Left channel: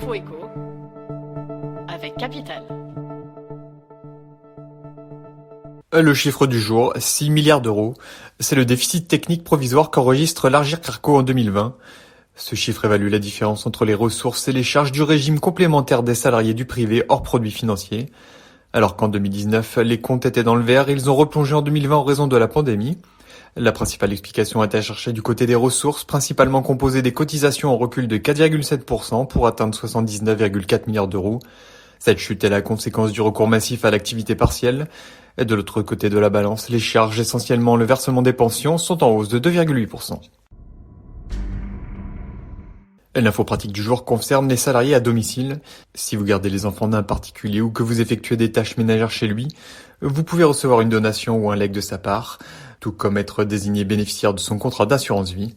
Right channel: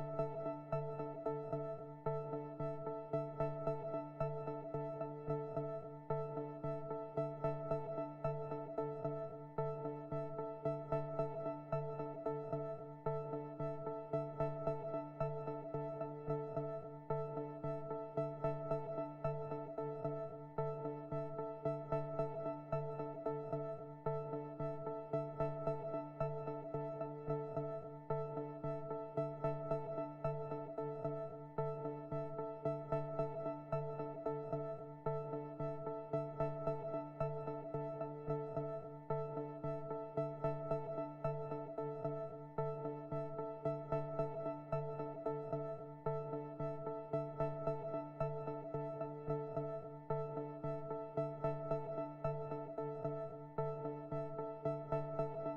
L'info écho avec Capital. Le chiffre du jour, 6 milliards d'euros. C'est le déficit technique provisoire qu'enregistre l'Agirc Arrco en 2020. Ce chiffre évalue la différence entre les ressources et les charges du régime complémentaire des salariés du privé hors produits financiers. Alors qu'en 2019, les comptes étaient dans le vert, ils ont replongé en 2020 en raison de la pandémie. La principale explication est à chercher du côté des ressources, principalement composées des cotisations en recul de 4,7% pour atteindre 79,4 milliards d'euros. Cette chute est la conséquence du recours massif à l'activité partielle. Et de l'autre côté de la balance, les charges, essentiellement le versement des pensions, sont en hausse de 2,8%. L'info pratique du jour concerne les salariés à domicile. Si vous gardez les enfants d'un particulier ou que vous effectuez des tâches ménagères chez lui, vous pouvez recevoir une donation ou un legs de sa part, tout comme être désigné bénéficiaire de son contrat d'assurance vie.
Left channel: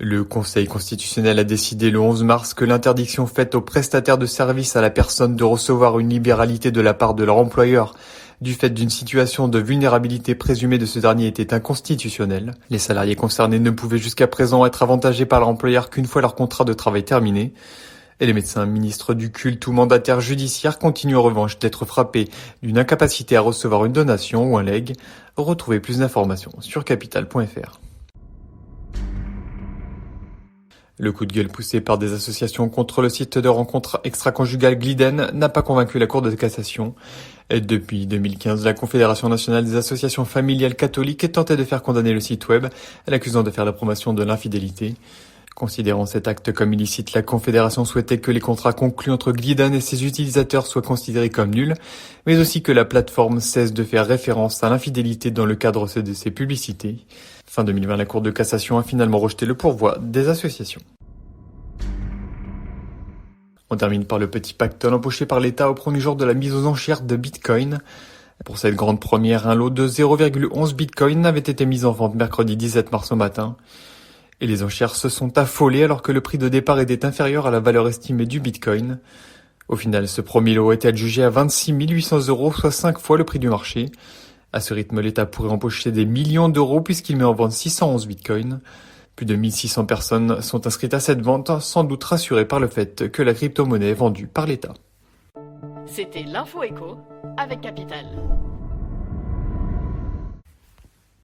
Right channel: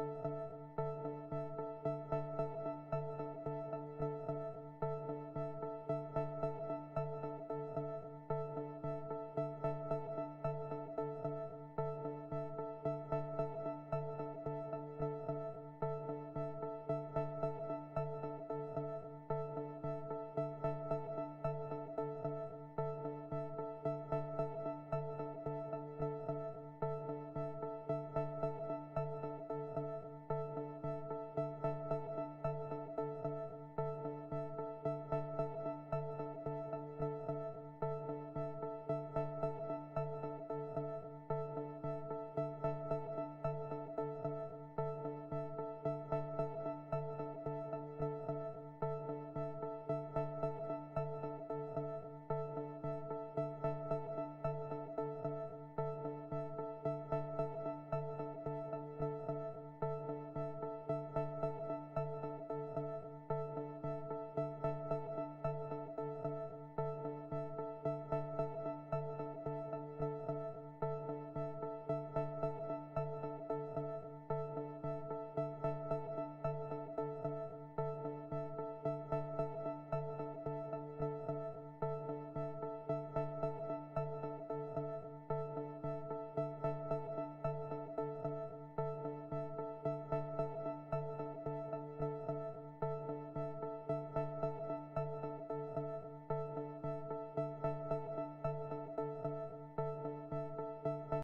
Le Conseil constitutionnel a décidé le 11 mars que l'interdiction faite aux prestataires de services à la personne de recevoir une libéralité de la part de leur employeur du fait d'une situation de vulnérabilité présumée de ce dernier était inconstitutionnelle. Les salariés concernés ne pouvaient jusqu'à présent être avantagés par leur employeur qu'une fois leur contrat de travail terminé. Et les médecins, ministres du culte ou mandataires judiciaires continuent en revanche d'être frappés d'une incapacité à recevoir une donation ou un legs. Retrouvez plus d'informations sur capital.fr. Le coup de gueule poussé par des associations contre le site de rencontre extra-conjugale Gliden n'a pas convaincu la Cour de cassation. Et depuis 2015, la Confédération nationale des associations familiales catholiques tentait de faire condamner le site web, l'accusant de faire la promotion de l'infidélité. Considérant cet acte comme illicite, la Confédération souhaitait que les contrats conclus entre Gliden et ses utilisateurs soient considérés comme nuls, mais aussi que la plateforme cesse de faire référence à l'infidélité dans le cadre de ses publicités. Fin 2020, la Cour de cassation a finalement rejeté le pourvoi des associations. On termine par le petit pactole embauché par l'État au premier jour de la mise aux enchères de Bitcoin. Pour cette grande première, un lot de 0,11 Bitcoin avait été mis en vente mercredi 17 mars au matin. Et les enchères se sont affolées alors que le prix de départ était inférieur à la valeur estimée du Bitcoin. Au final, ce premier lot était adjugé à 26 800 euros, soit 5 fois le prix du marché. À ce rythme, l'État pourrait empocher des millions d'euros puisqu'il met en vente 611 Bitcoins. Plus de 1600 personnes sont inscrites à cette vente, sans doute rassurées par le fait que la crypto-monnaie est vendue par l'État. C'était l'info écho avec Capital.